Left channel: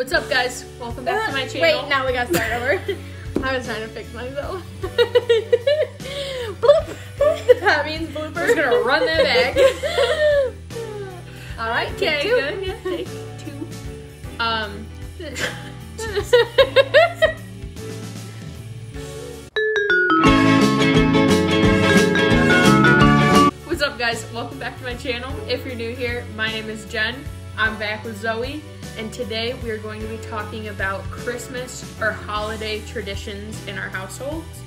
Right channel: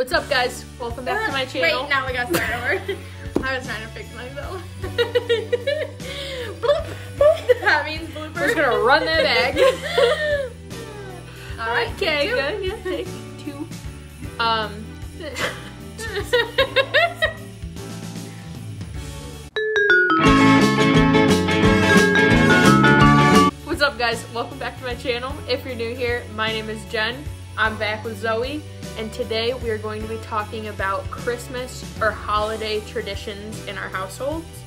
What's up, guys? Welcome back to my channel. Wait, now we gotta start over. I was trying to fix myself. Bloop! That means blooper. We're just gonna run that back. Alright, okay, good. Yeah, take two. What's up, guys? Welcome back to my channel. If you're new here, my name is Jen. I'm back with Zoe, and today we are going to be talking about Christmas or holiday traditions in our households.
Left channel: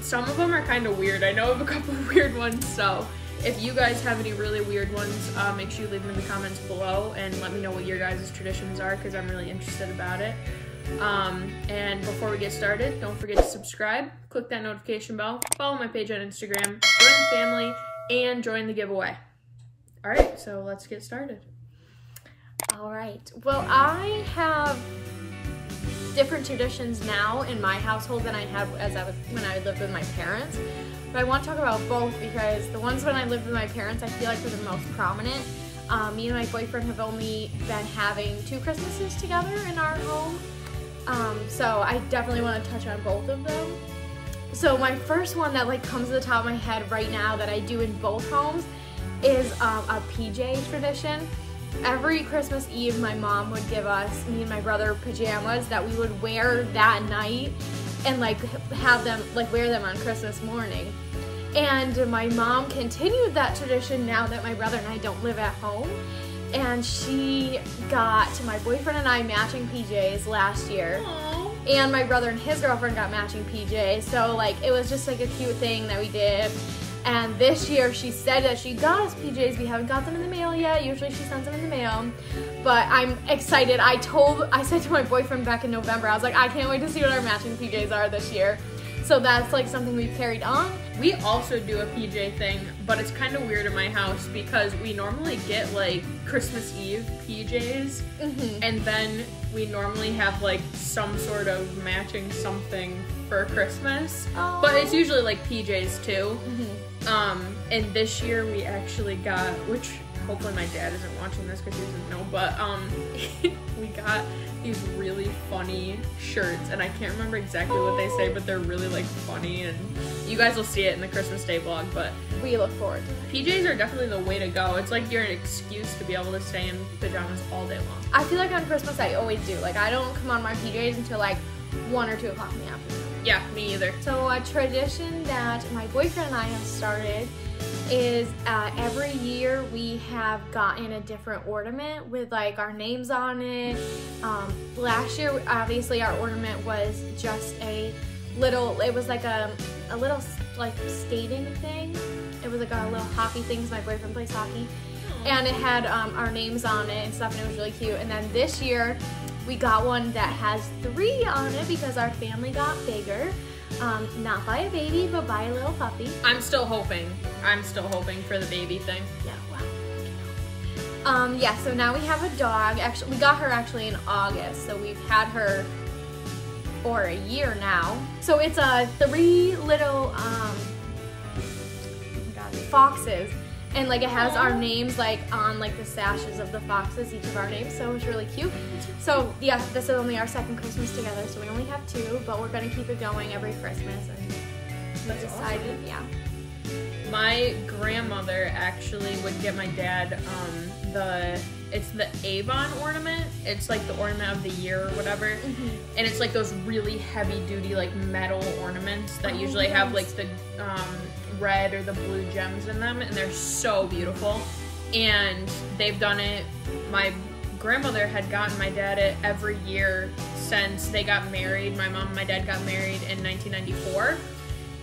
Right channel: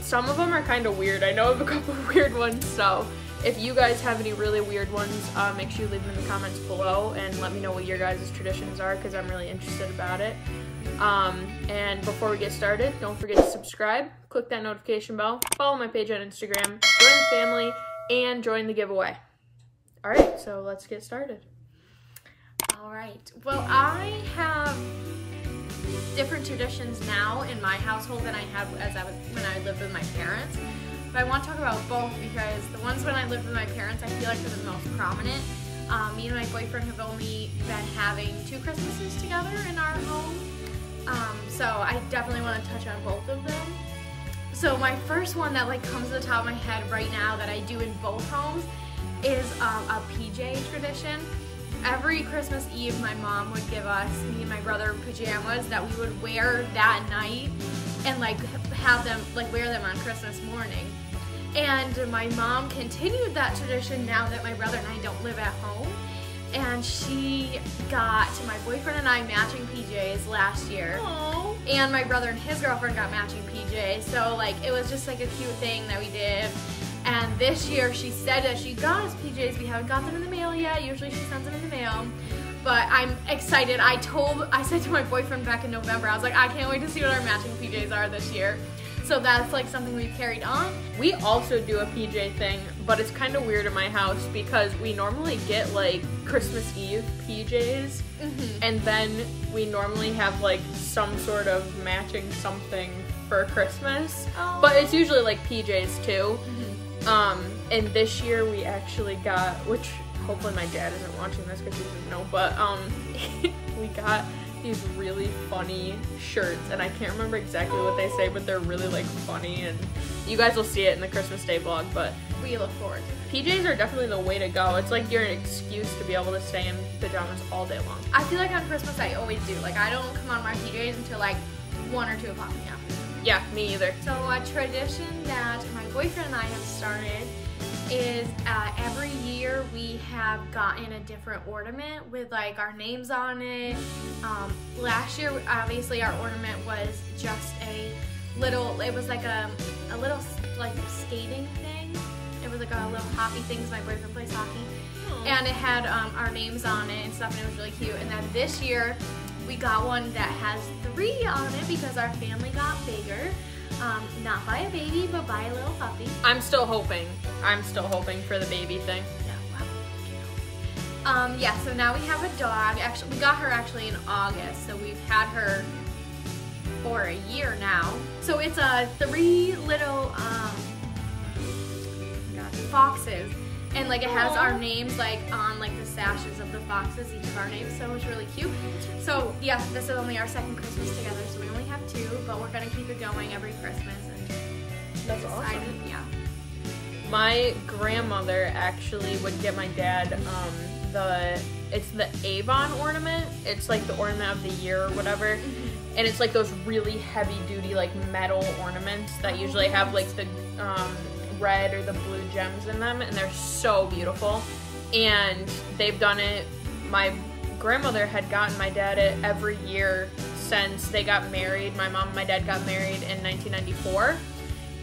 Some of them are kind of weird. I know of a couple of weird ones, so if you guys have any really weird ones, make sure you leave them in the comments below and let me know what your guys' traditions are, because I'm really interested about it. And before we get started, don't forget to subscribe, click that notification bell, follow my page on Instagram, join the family, and join the giveaway. Alright, so let's get started. Alright, well, I have different traditions now in my household than I had when I lived with my parents. But I want to talk about both because the ones when I lived with my parents, I feel like they're the most prominent. Me and my boyfriend have only been having 2 Christmases together in our home. So I definitely want to touch on both of them. So my first one that comes to the top of my head right now that I do in both homes is a PJ tradition. Every Christmas Eve, my mom would give us, me and my brother, pajamas that we would wear that night and have them, wear them on Christmas morning. And my mom continued that tradition now that my brother and I don't live at home. And she got my boyfriend and I matching PJs last year. Aww. And my brother and his girlfriend got matching PJs. So it was just a cute thing that we did. And this year she said that she got us PJs. We haven't got them in the mail yet. Usually she sends them in the mail. But I'm excited. I said to my boyfriend back in November, I was like, I can't wait to see what our matching PJs are this year. So that's something we've carried on. We also do a PJ thing, but it's kind of weird in my house because we normally get Christmas Eve PJs, and then we normally have some sort of matching something for Christmas. Oh. But it's usually PJs too. And this year we actually got, which hopefully my dad isn't watching this because he doesn't know, but we got these really funny shirts, and I can't remember exactly what they say, but they're really funny, and you guys will see it in the Christmas Day vlog. But we look forward to it. PJs are definitely the way to go. It's you're an excuse to be able to stay in pajamas all day long. I feel on Christmas I always do. I don't come on my PJs until 1 or 2 o'clock in the afternoon. Yeah, me either. So a tradition that my boyfriend and I have started is every year we have gotten a different ornament with our names on it. Last year, obviously, our ornament was just a little, it was a little skating thing. It was a little hockey thing because my boyfriend plays hockey. Aww. And it had our names on it and stuff, and it was really cute. And then this year, we got one that has 3 on it because our family got bigger. Not by a baby, but by a little puppy. I'm still hoping for the baby thing. Yeah, wow. Yeah, so now we have a dog. Actually, we got her in August, so we've had her for a year now. So it's 3 little, oh my God, foxes. And it has our names on the sashes of the foxes, each of our names, so it's really cute. So yeah, this is only our 2nd Christmas together, so we only have 2, but we're gonna keep it going every Christmas, and that's decided, awesome. Yeah. My grandmother actually would get my dad it's the Avon ornament. It's the ornament of the year or whatever. And it's those really heavy duty metal ornaments that usually have the red or the blue gems in them, and they're so beautiful. And they've done it, my grandmother had gotten my dad it every year since they got married. My mom and my dad got married in 1994,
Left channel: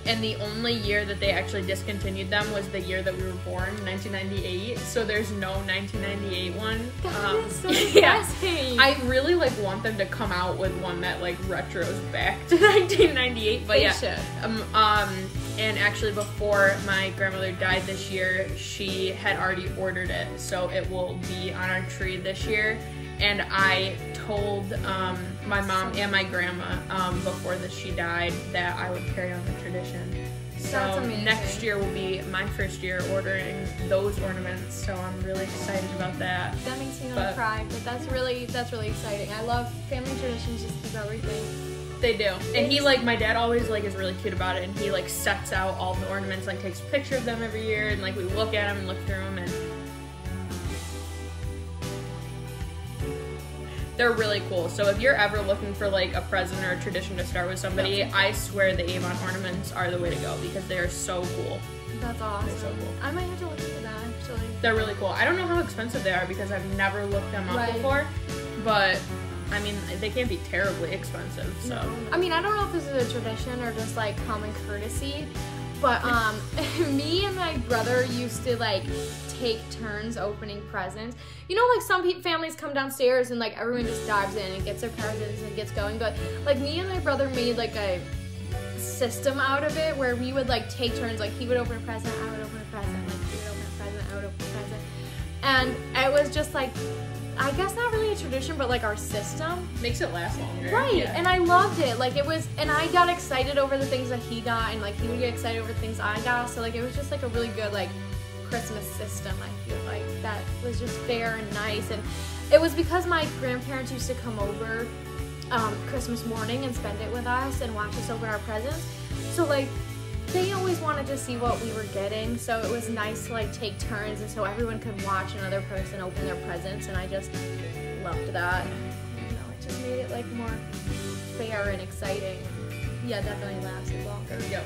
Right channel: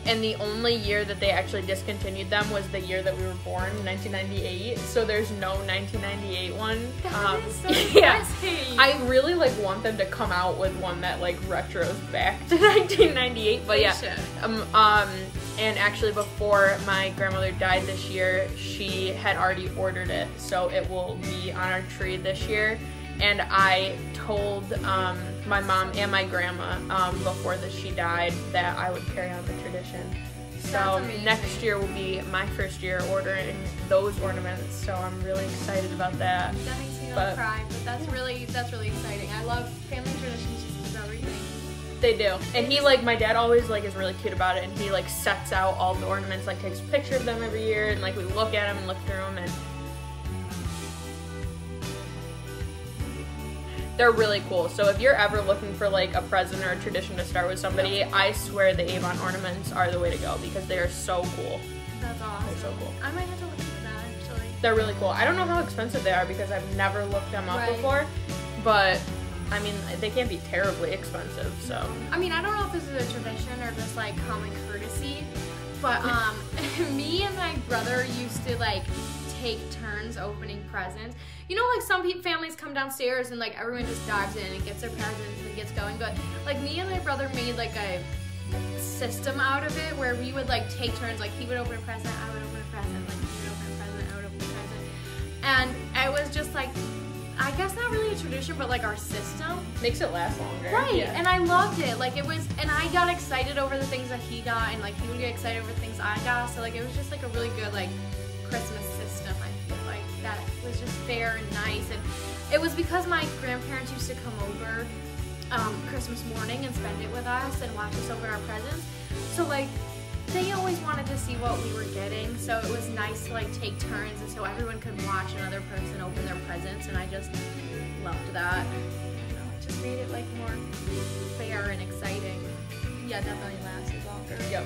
and the only year that they actually discontinued them was the year that we were born, 1998. So there's no 1998 one. That is so depressing. I really want them to come out with one that retros back to 1998. But yeah, and actually before my grandmother died this year, she had already ordered it, so it will be on our tree this year. And I told my mom and my grandma before she died that I would carry on the tradition. So amazing. next year will be my first year ordering those ornaments, so I'm really excited about that. That makes me want to cry, but that's really exciting. I love family traditions, just keep everything. They do. And he, like, my dad always, like, is really cute about it, and he, like, sets out all the ornaments, like, takes a picture of them every year, and, like, we look at them and look through them, and they're really cool. So if you're ever looking for, like, a present or a tradition to start with somebody, I swear the Avon ornaments are the way to go, because they are so cool. That's awesome. They're so cool. I might have to look into that, actually. They're really cool. I don't know how expensive they are, because I've never looked them up before, but I mean, they can't be terribly expensive, so. No. I mean, I don't know if this is a tradition or just, like, common courtesy, but, me and my brother used to, like, take turns opening presents. You know, like, some families come downstairs and, like, everyone just dives in and gets their presents and gets going, but, like, me and my brother made, like, a system out of it where we would, like, take turns. Like, he would open a present, I would open a present, like, he would open a present, I would open a present, and it was just, like, I guess not really a tradition, but, like, our system. Makes it last longer. Right, yeah. And I loved it. Like, it was, and I got excited over the things that he got, and, like, he would get excited over the things I got, so, like, it was just, like, a really good, like, Christmas system, I feel like, that was just fair and nice. And it was because my grandparents used to come over Christmas morning and spend it with us and watch us open our presents. So, like, they always wanted to see what we were getting, so it was nice to, like, take turns and so everyone could watch another person open their presents, and I just loved that. I don't know, it just made it, like, more fair and exciting. Yeah, definitely lasted longer. Yep.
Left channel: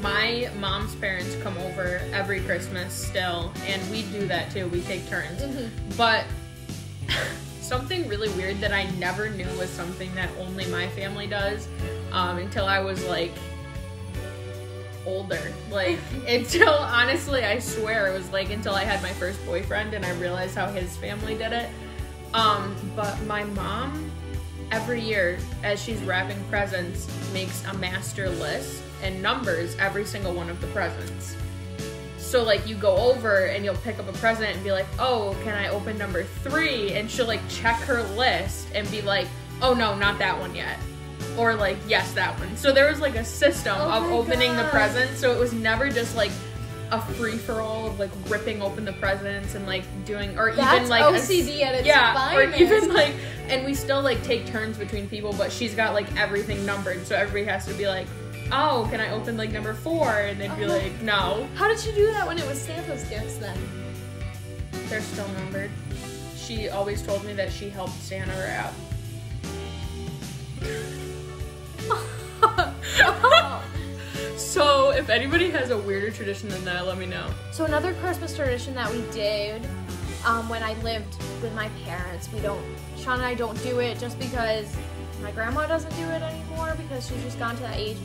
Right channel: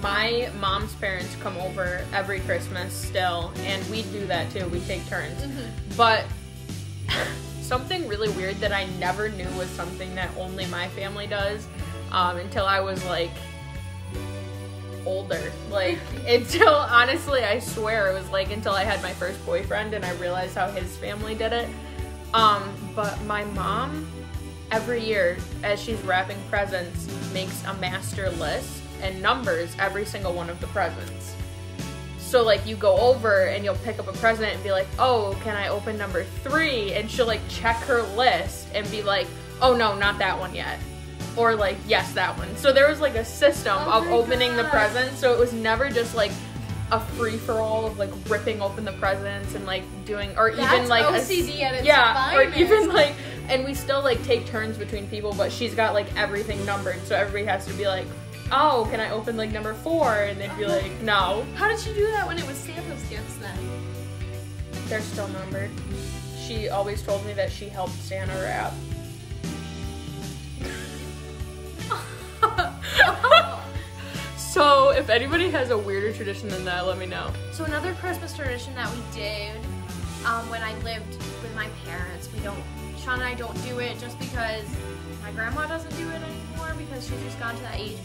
My mom's parents come over every Christmas still, and we do that too. We take turns. But something really weird that I never knew was something that only my family does until I was, like, older. Like, until, honestly, I swear it was, like, until I had my first boyfriend and I realized how his family did it. But my mom, every year, as she's wrapping presents, makes a master list and numbers every single one of the presents. So, like, you go over and you'll pick up a present and be like, oh, can I open number 3? And she'll, like, check her list and be like, oh, no, not that one yet. Or, like, yes, that one. So there was, like, a system of opening the presents, so it was never just, like, a free-for-all of, like, ripping open the presents and, like, doing, or even, like, OCD at its finest. Or even, like, and we still, like, take turns between people, but she's got, like, everything numbered, so everybody has to be like, oh, can I open, like, number 4? And they'd be like, no. How did you do that when it was Santa's gifts, then? They're still numbered. She always told me that she helped Santa wrap. So, if anybody has a weirder tradition than that, let me know. So another Christmas tradition that we did when I lived with my parents, Sean and I don't do it just because my grandma doesn't do it anymore because she's just gone to that age.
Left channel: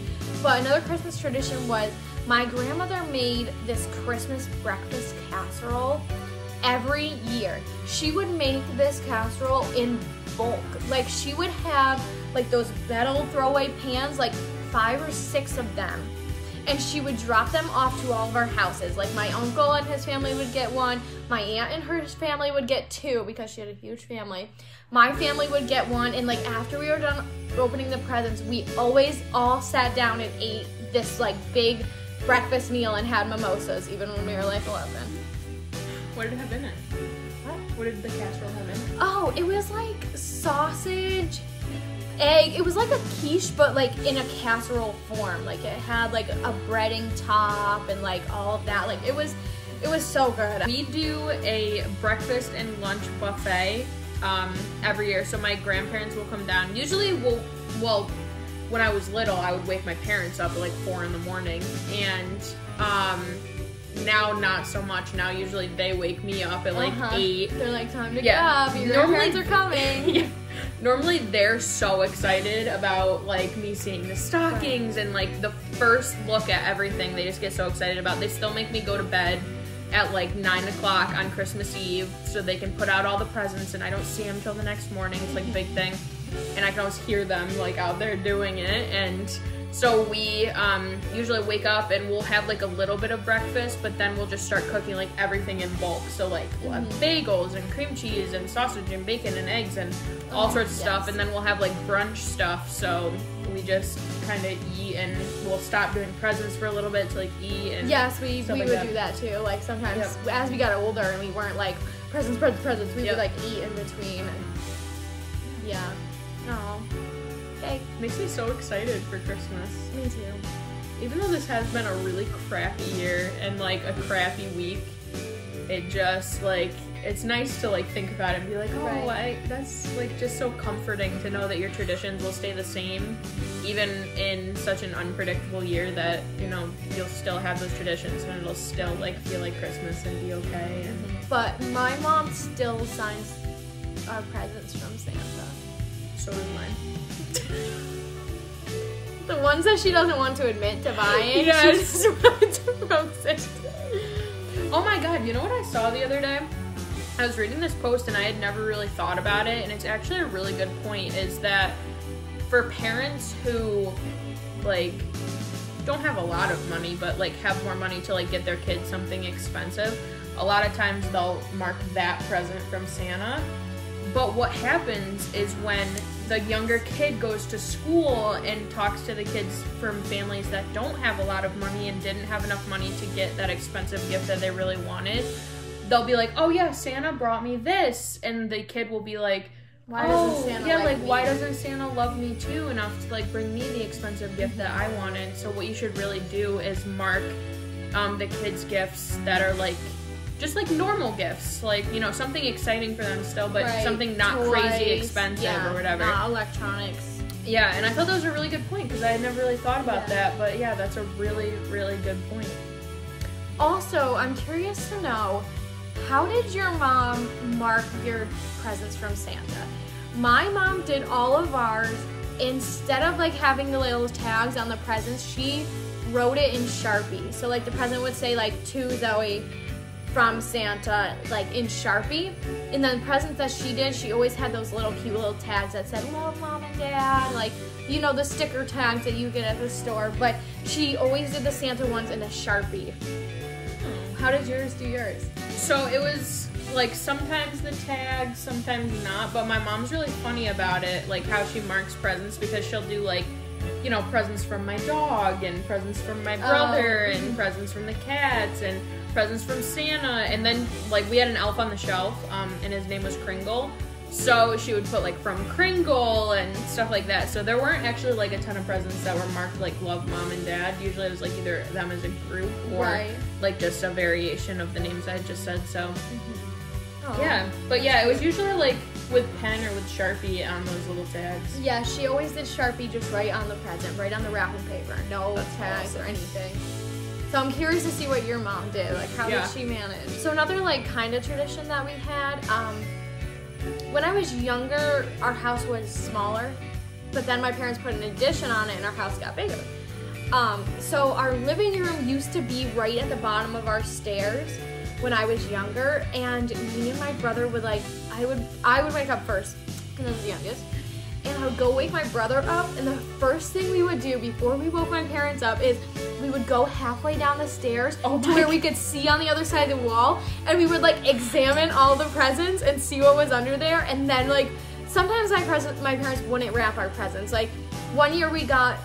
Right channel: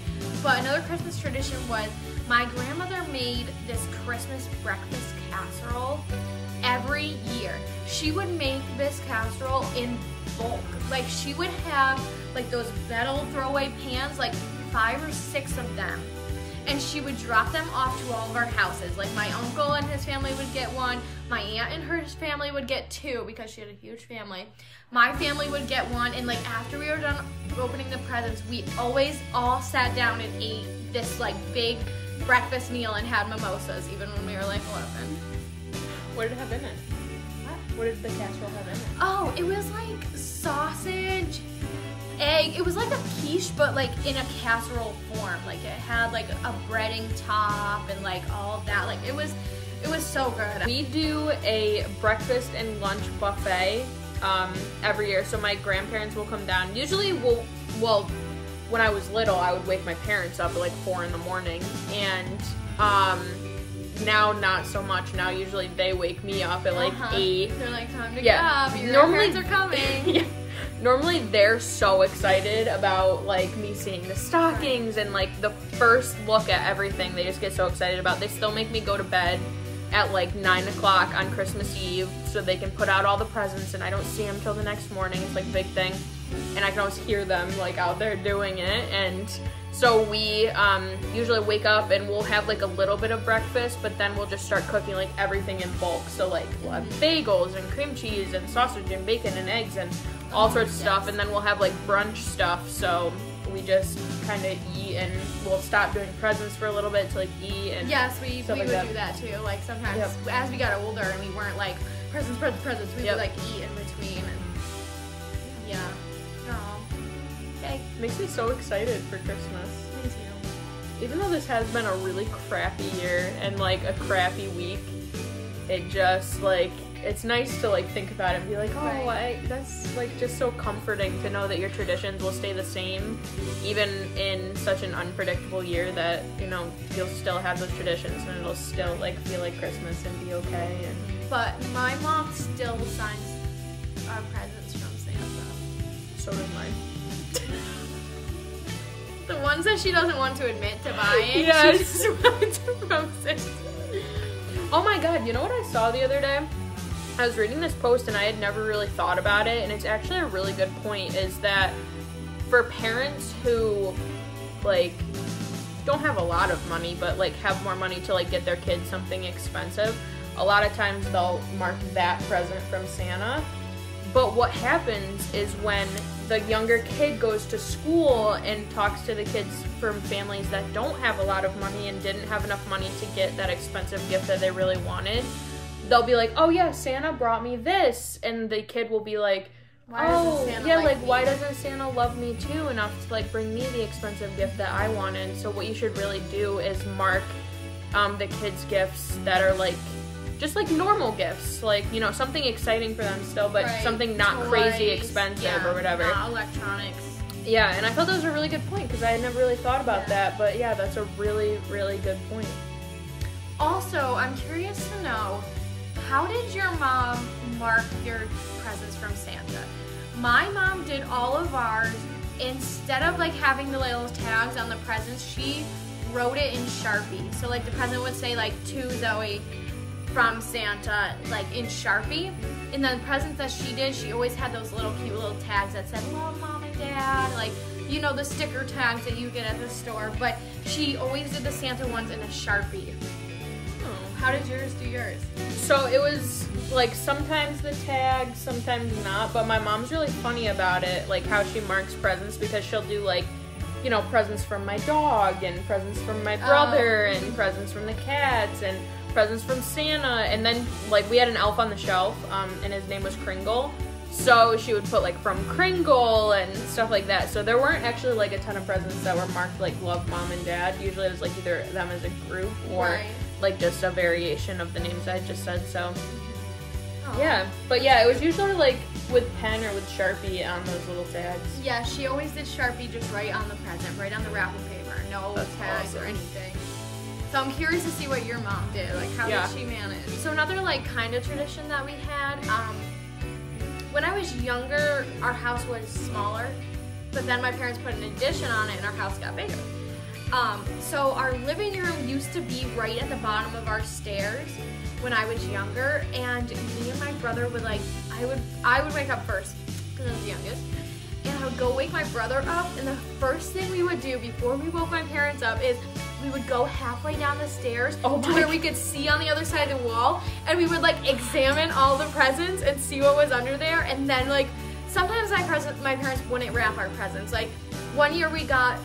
But another Christmas tradition was my grandmother made this Christmas breakfast casserole every year. She would make this casserole in bulk. Like, she would have, like, those metal throwaway pans, like 5 or 6 of them. And she would drop them off to all of our houses. Like, my uncle and his family would get one. My aunt and her family would get 2 because she had a huge family. My family would get 1. And, like, after we were done opening the presents, we always all sat down and ate this, like, big breakfast meal and had mimosas, even when we were, like, 11. What did it have in it? What? What did the casserole have in it? Oh, it was, like, sausage, egg. It was like a quiche, but, like, in a casserole form. Like, it had, like, a breading top and, like, all of that. Like, it was so good. We do a breakfast and lunch buffet every year. So my grandparents will come down. Usually well, when I was little, I would wake my parents up at, like, 4 in the morning. And now not so much. Now usually they wake me up at, like, 8. They're like, time to get up. Your grandparents are coming. Yeah. Normally they're so excited about, like, me seeing the stockings and, like, the first look at everything. They just get so excited about. They still make me go to bed at, like, 9 o'clock on Christmas Eve so they can put out all the presents, and I don't see them till the next morning. It's, like, a big thing. And I can always hear them, like, out there doing it. And So we usually wake up and we'll have like a little bit of breakfast, but then we'll just start cooking like everything in bulk. So like we'll have bagels and cream cheese and sausage and bacon and eggs and all sorts of stuff. And then we'll have like brunch stuff. So we just kind of eat, and we'll stop doing presents for a little bit to like eat. And yes, we would do that too. Like sometimes as we got older and we weren't like presents, we would like eat in between. And yeah. Oh. Okay. Makes me so excited for Christmas. Me too. Even though this has been a really crappy year and like a crappy week, it just like, it's nice to like think about it and be like, oh, that's like just so comforting to know that your traditions will stay the same even in such an unpredictable year, that, you know, you'll still have those traditions and it'll still like feel like Christmas and be okay. And but my mom still signs our presents from Santa. so does mine. The ones that she doesn't want to admit to buying. Yes. From Santa. Oh my god, you know what I saw the other day? I was reading this post and I had never really thought about it, and it's actually a really good point, is that for parents who like don't have a lot of money but like have more money to like get their kids something expensive, a lot of times they'll mark that present from Santa. But what happens is when the younger kid goes to school and talks to the kids from families that don't have a lot of money and didn't have enough money to get that expensive gift that they really wanted, they'll be like, oh yeah, Santa brought me this. And the kid will be like, why doesn't Santa like me? Why doesn't Santa love me too enough to like bring me the expensive gift that I wanted? So what you should really do is mark the kids' gifts that are like just like normal gifts, like, you know, something exciting for them still, but something not crazy expensive or whatever. Not electronics. Yeah, and I thought that was a really good point because I had never really thought about that, but yeah, that's a really, really good point. Also, I'm curious to know, how did your mom mark your presents from Santa? My mom did all of ours. Instead of like having the little tags on the presents, she wrote it in Sharpie. So like the present would say like, to Zoe from Santa, like in Sharpie. And then presents that she did, she always had those little cute little tags that said, love mom and dad, like, you know, the sticker tags that you get at the store. But she always did the Santa ones in a Sharpie. How did yours do yours? So it was like sometimes the tag, sometimes not, but my mom's really funny about it, like how she marks presents, because she'll do like, you know, presents from my dog and presents from my brother and presents from the cats and presents from Santa. And then like we had an elf on the shelf and his name was Kringle, so she would put like from Kringle and stuff like that. So there weren't actually like a ton of presents that were marked like love mom and dad. Usually it was like either them as a group or like just a variation of the names I just said. So yeah, but yeah, it was usually like with pen or with Sharpie on those little tags. Yeah, she always did Sharpie just right on the present, right on the wrapping paper, no tags or anything. So I'm curious to see what your mom did. Like, how did she manage? So another like kind of tradition that we had, when I was younger, our house was smaller, but then my parents put an addition on it and our house got bigger. So our living room used to be right at the bottom of our stairs when I was younger, and me and my brother would like, I would wake up first because I was the youngest, and I would go wake my brother up, and the first thing we would do before we woke my parents up is we would go halfway down the stairs to where we could see on the other side of the wall, and we would like examine all the presents and see what was under there. And then like sometimes my parents wouldn't wrap our presents. Like one year we got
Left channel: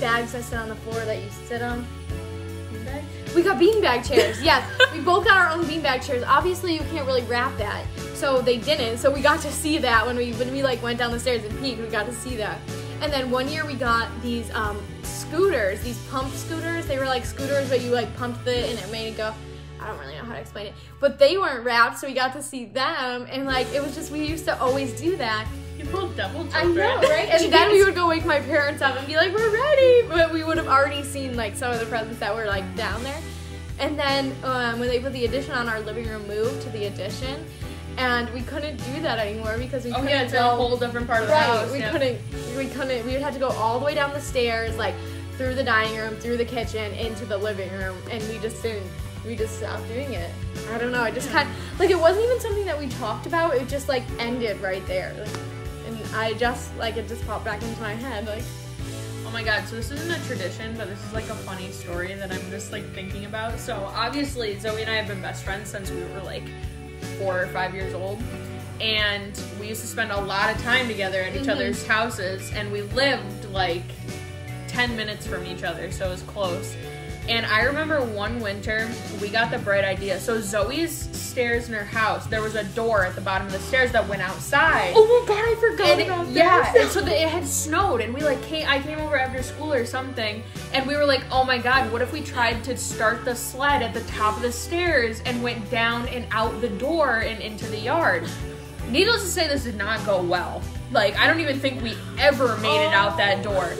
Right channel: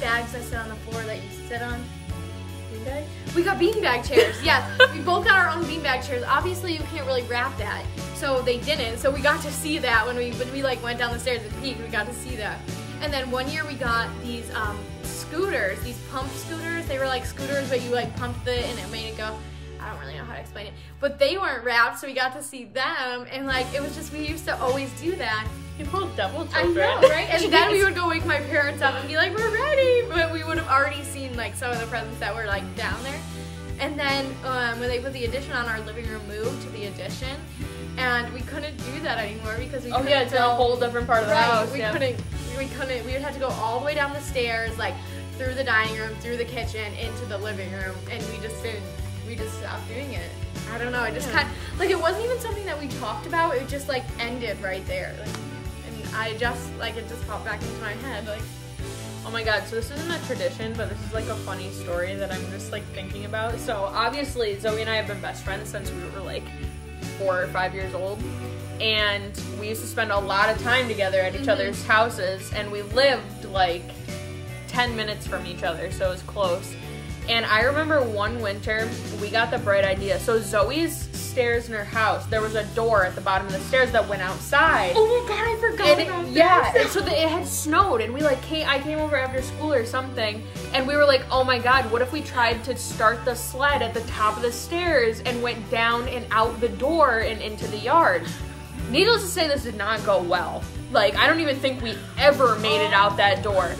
bags that sit on the floor that you sit on. We got beanbag chairs. Yes, we both got our own beanbag chairs. Obviously you can't really wrap that, so they didn't. So we got to see that when we like went down the stairs and peeked. We got to see that. And then one year we got these scooters, these pump scooters. They were like scooters, but you like pumped it and it made it go. I don't really know how to explain it, but they weren't wrapped, so we got to see them. And like it was just, we used to always do that. You pulled double jump. I know, right? And then we would go wake my parents up and be like, we're ready. But we would have already seen like some of the presents that were like down there. And then when they put the addition on, our living room moved to the addition. And we couldn't do that anymore because we couldn't it's a whole different part of the house. We couldn't, we would have to go all the way down the stairs, like through the dining room, through the kitchen, into the living room. And we just stopped doing it. I don't know, it just kind of, like it wasn't even something that we talked about, it just like ended right there. Like, And I just, like, it just popped back into my head, like. Oh my god, so this isn't a tradition, but this is like a funny story that I'm just like thinking about. So obviously Zoe and I have been best friends since we were like 4 or 5 years old. And we used to spend a lot of time together at each other's houses, and we lived like 10 minutes from each other, so it was close. And I remember one winter, we got the bright idea. So Zoe's stairs in her house, there was a door at the bottom of the stairs that went outside. Oh my god, I forgot about that. Yeah, and so it had snowed, and we like I came over after school or something, and we were like, oh my god, what if we tried to start the sled at the top of the stairs and went down and out the door and into the yard? Needless to say, this did not go well. Like, I don't even think we ever made it out that door.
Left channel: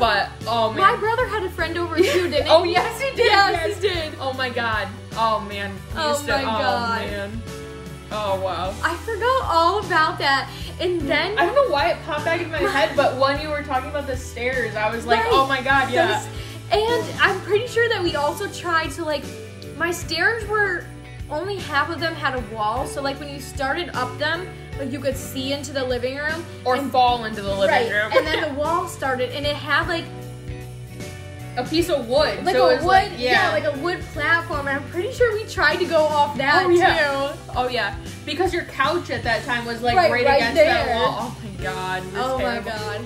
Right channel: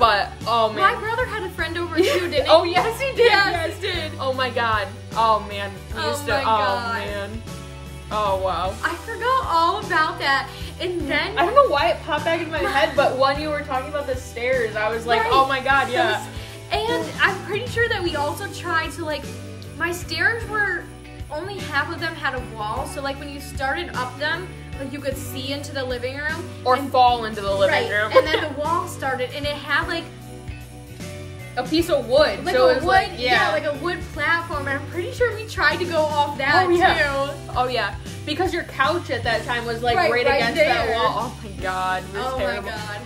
But, oh man. My brother had a friend over too, didn't he? Oh, yes, he did. Yes, he did. Oh my god. Oh man. Oh my god. Oh man. Oh wow. I forgot all about that. And then I don't know why it popped back in my head, but when you were talking about the stairs, I was like, right. Oh my god, yeah. And I'm pretty sure that we also tried to, like, my stairs were, only half of them had a wall. So like when you started up them, like you could see into the living room. Or fall into the living room. And then the wall started, and it had like a piece of wood. Like so a wood, like a wood platform. And I'm pretty sure we tried to go off that too. Oh yeah, because your couch at that time was like right against there. that wall. Oh my god. It was oh terrible. my god.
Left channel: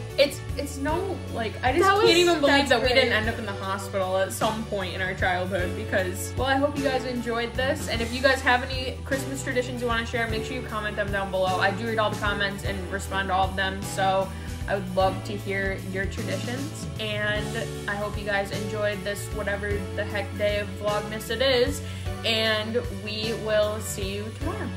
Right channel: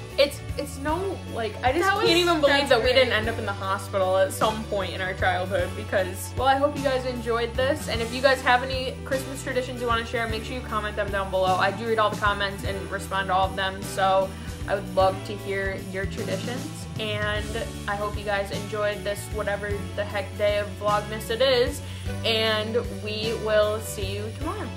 It's no, like, I just can't even believe that we didn't end up in the hospital at some point in our childhood because, well, I hope you guys enjoyed this. And if you guys have any Christmas traditions you want to share, make sure you comment them down below. I do read all the comments and respond to all of them, so I would love to hear your traditions. And I hope you guys enjoyed this whatever the heck day of Vlogmas it is. And we will see you tomorrow.